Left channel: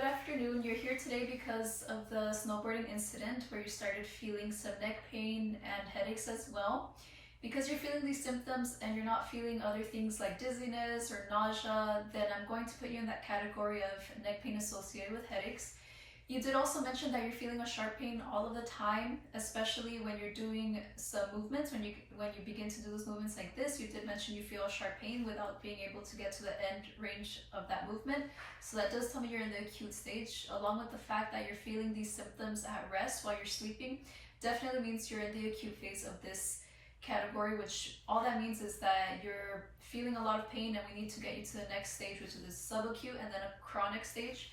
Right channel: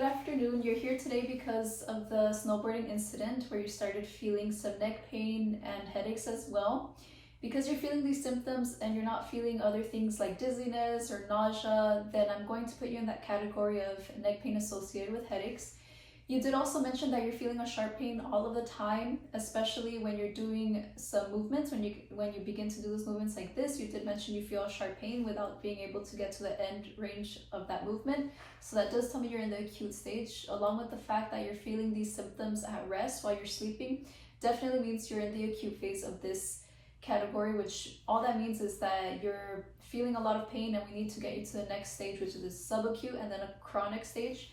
good afternoon. You're here today because of the snowboarding incident where you started feeling some neck pain and headaches as well. Because you're feeling these symptoms and you're not feeling other things like dizziness or nausea, then I'm going to put you in that category of neck pain associated with headaches. You did also mention that you're feeling a sharp pain all of the time, especially when you're doing some movements. When you begin to do those movements like this, you did mention you feel a sharp pain without being able to get to the end range of that movement. So that does tell me you're in the acute stage, along with the fact that you're feeling these symptoms at rest while you're sleeping. Definitely means you're in the acute phase of this category, which all that means is that you're feeling a lot of pain and we need to get you to the next stage, which is a subacute and then a chronic stage.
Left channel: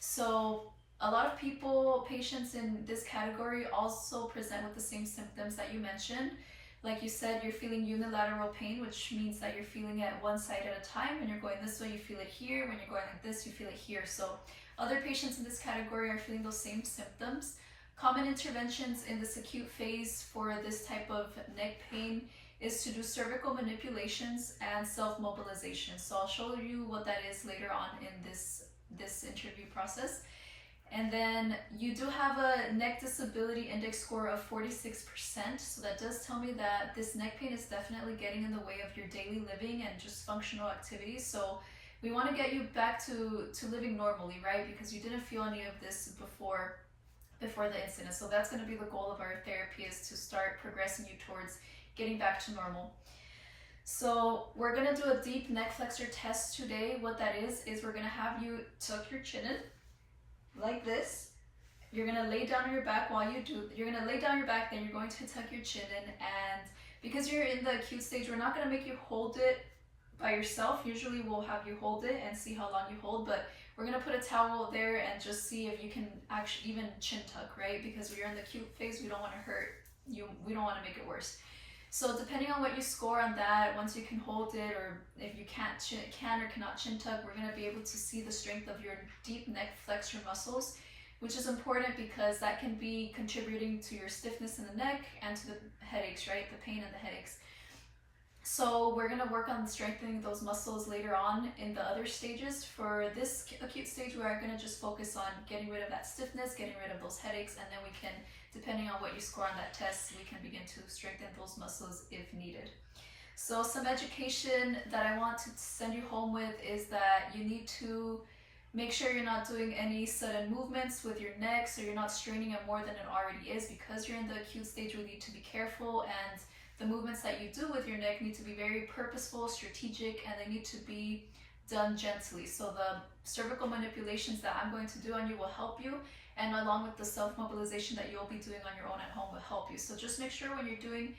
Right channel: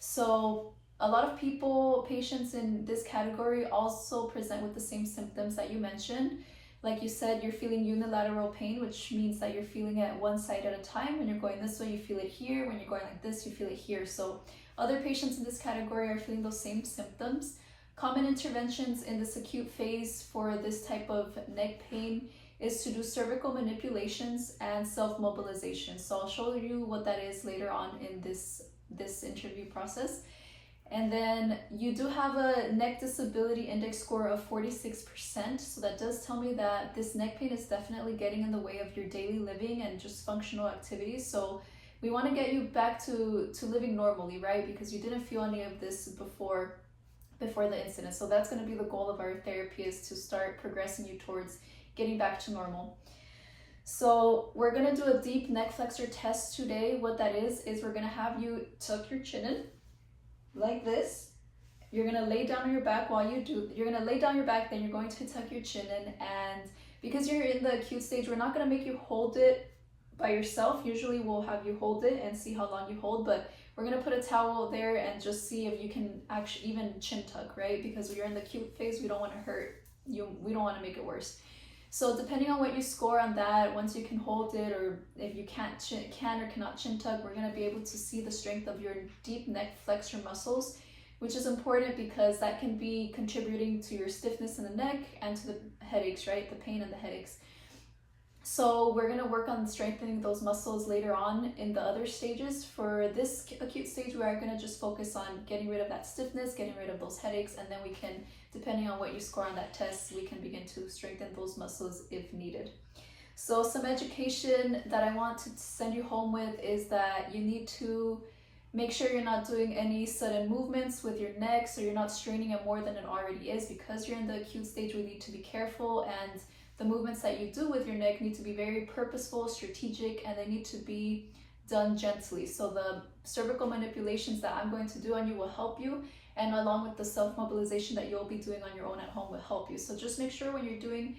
So a lot of patients in this category also present with the same symptoms that you mentioned. Like you said, you're feeling unilateral pain, which means that you're feeling it one side at a time. When you're going this way, you feel it here. When you're going like this, you feel it here. So other patients in this category are feeling those same symptoms. Common interventions in this acute phase for this type of neck pain is to do cervical manipulations and self-mobilization. So I'll show you what that is later on in this interview process. And then you do have a neck disability index score of 46%. So that does tell me that this neck pain is definitely getting in the way of your daily living and just functional activities. So we want to get you back to living normally, right? Because you didn't feel any of this before the incident. So that's going to be the goal of our therapy, is to start progressing you towards getting back to normal. So we're going to do a deep neck flexor test today. What that is we're going to have you tuck your chin in like this. You're going to lay down on your back. You're going to lay down your back, then you're going to tuck your chin in. And because you're in the acute stage, we're not going to make you hold it by yourself. Usually we'll have you hold it and see how long you hold, but we're going to put a towel there and just see if you can actually even chin tuck, right? Because when you're in the acute phase, we don't want to hurt you. We don't want to make it worse. So depending on what you score on that, once you can hold it, or if you can or cannot chin tuck, we're going to be able to see the strength of your deep neck flexor muscles, which is important because that can be contributing to your stiffness in the neck and to the headaches, right? The pain and the headaches. So we're going to work on strengthening those muscles later on in the other stages. For this acute stage, we are going to just focus on getting rid of that stiffness, getting rid of those headaches, and then we can, depending on what you score on that test, we can begin to strengthen those muscles if needed. So some education that I want to send you home with is that you need to make sure you're not doing any sudden movements with your neck, so you're not straining it more than it already is. Because you're in the acute stage, we need to be careful, and the movements that you do with your neck need to be very purposeful, strategic, and they need to be done gently. So the cervical manipulations that I'm going to do on you will help you, and along with the self-mobilization that you'll be doing on your own at home will help you. So just make sure when you're doing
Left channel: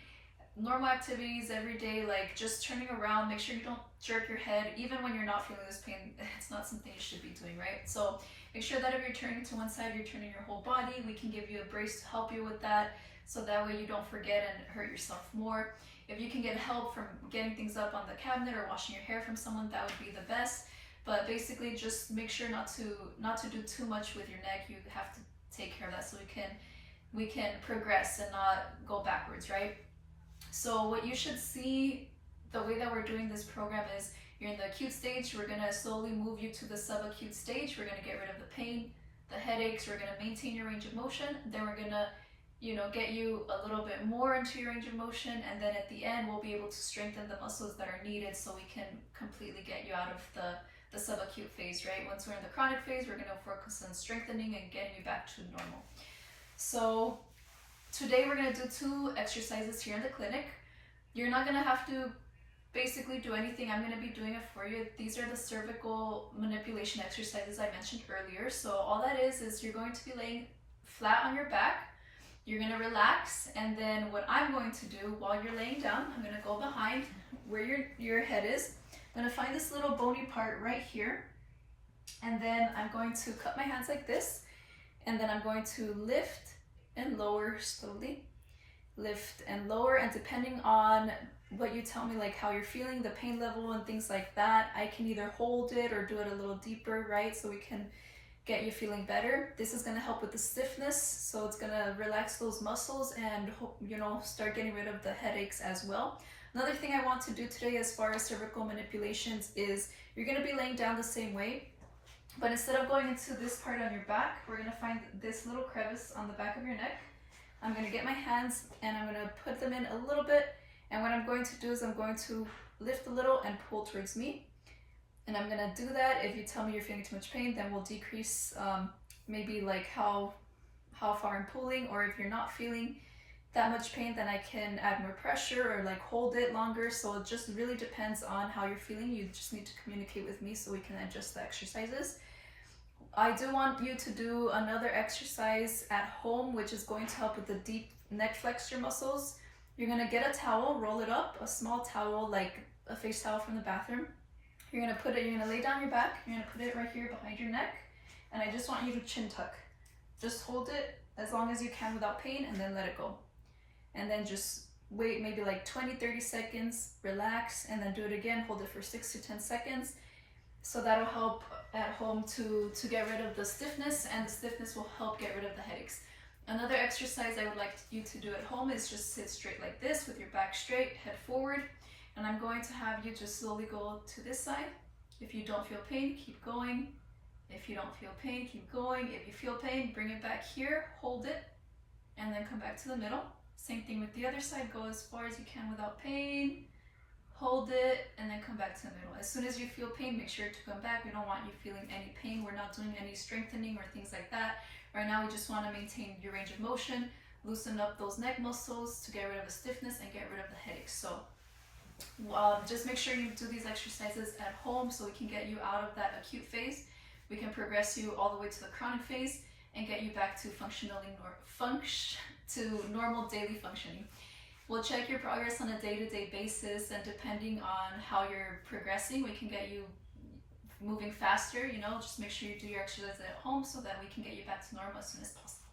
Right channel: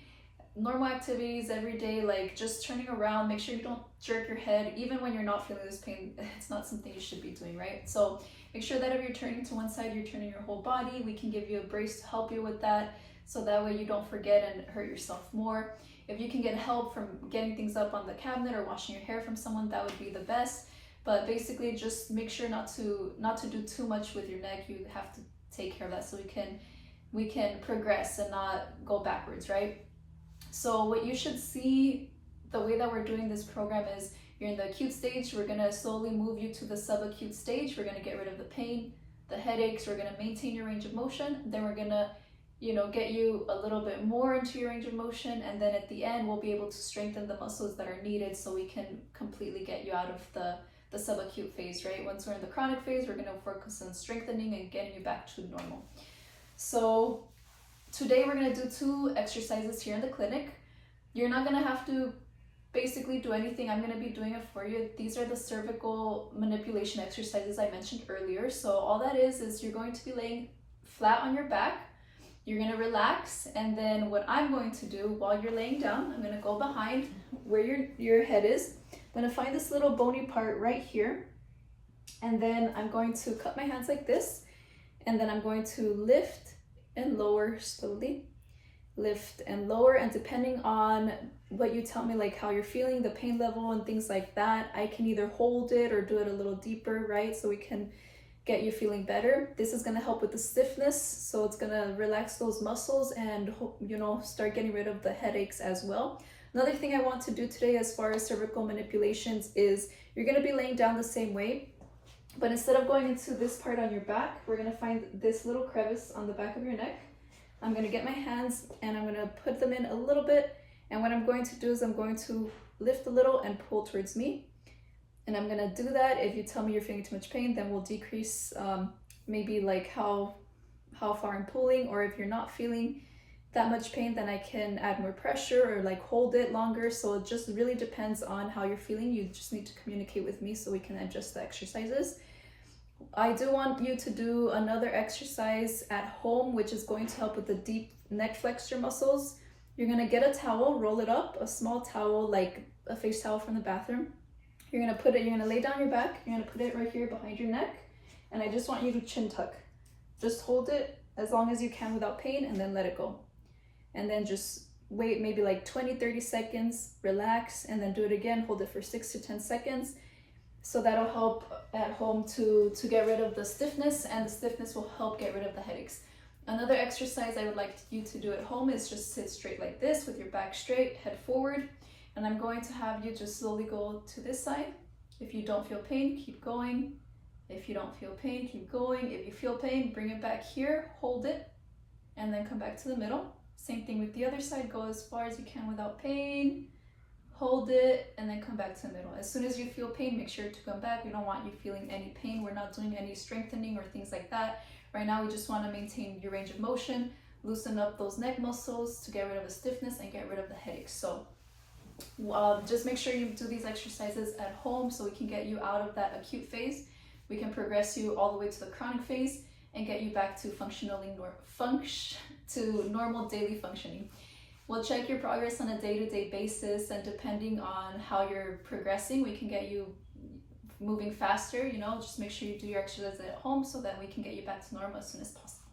normal activities every day, like just turning around, make sure you don't jerk your head. Even when you're not feeling this pain, it's not something you should be doing, right? So make sure that if you're turning to one side, you're turning your whole body. We can give you a brace to help you with that, so that way you don't forget and hurt yourself more. If you can get help from getting things up on the cabinet or washing your hair from someone, that would be the best. But basically just make sure not to do too much with your neck. You have to take care of that so we can progress and not go backwards, right? So what you should see, the way that we're doing this program is, you're in the acute stage, we're going to slowly move you to the subacute stage. We're going to get rid of the pain, the headaches, we're going to maintain your range of motion, then we're going to get you a little bit more into your range of motion, and then at the end we'll be able to strengthen the muscles that are needed so we can completely get you out of the subacute phase, right? Once we're in the chronic phase, we're going to focus on strengthening and getting you back to normal. So today we're going to do 2 exercises here in the clinic. You're not going to have to basically do anything. I'm going to be doing it for you. These are the cervical manipulation exercises I mentioned earlier. So all that is you're going to be laying flat on your back. You're going to relax, and then what I'm going to do while you're laying down, I'm going to go behind where your head is. I'm going to find this little bony part right here, and then I'm going to cup my hands like this, and then I'm going to lift and lower slowly. Lift and lower, and depending on what you tell me, like how you're feeling, the pain level and things like that, I can either hold it or do it a little deeper, right? So we can get you feeling better. This is going to help with the stiffness, so it's going to relax those muscles and start getting rid of the headaches as well. Another thing I want to do today as far as cervical manipulations is you're going to be laying down the same way. But instead of going into this part on your back, we're gonna find this little crevice on the back of your neck. I'm gonna get my hands and I'm gonna put them in a little bit. And what I'm going to do is I'm going to lift a little and pull towards me. And I'm gonna do that. If you tell me you're feeling too much pain, then we'll decrease maybe like how far I'm pulling, or if you're not feeling that much pain, then I can add more pressure or like hold it longer. So it just really depends on how you're feeling. You just need to communicate with me so we can adjust the exercises. I do want you to do another exercise at home, which is going to help with the deep neck flexor muscles. You're gonna get a towel, roll it up, a small towel, like a face towel from the bathroom. You're gonna lay down your back, you're gonna put it right here behind your neck, and I just want you to chin tuck. Just hold it as long as you can without pain, and then let it go. And then just wait maybe like 20-30 seconds, relax, and then do it again. Hold it for 6 to 10 seconds. So that'll help at home to get rid of the stiffness, and the stiffness will help get rid of the headaches. Another exercise I would like you to do at home is just sit straight like this with your back straight, head forward. And I'm going to have you just slowly go to this side. If you don't feel pain, keep going. If you don't feel pain, keep going. If you feel pain, bring it back here, hold it, and then come back to the middle. Same thing with the other side. Go as far as you can without pain, hold it, and then come back to the middle. As soon as you feel pain, make sure to come back. We don't want you feeling any pain. We're not doing any strengthening or things like that. Right now, we just want to maintain your range of motion, loosen up those neck muscles to get rid of the stiffness and get rid of the headaches. So just make sure you do these exercises at home so we can get you out of that acute phase. We can progress you all the way to the chronic phase and get you back to normal daily functioning. We'll check your progress on a day-to-day basis, and depending on how you're progressing, we can get you moving faster. Just make sure you do your exercises at home so that we can get you back to normal as soon as possible.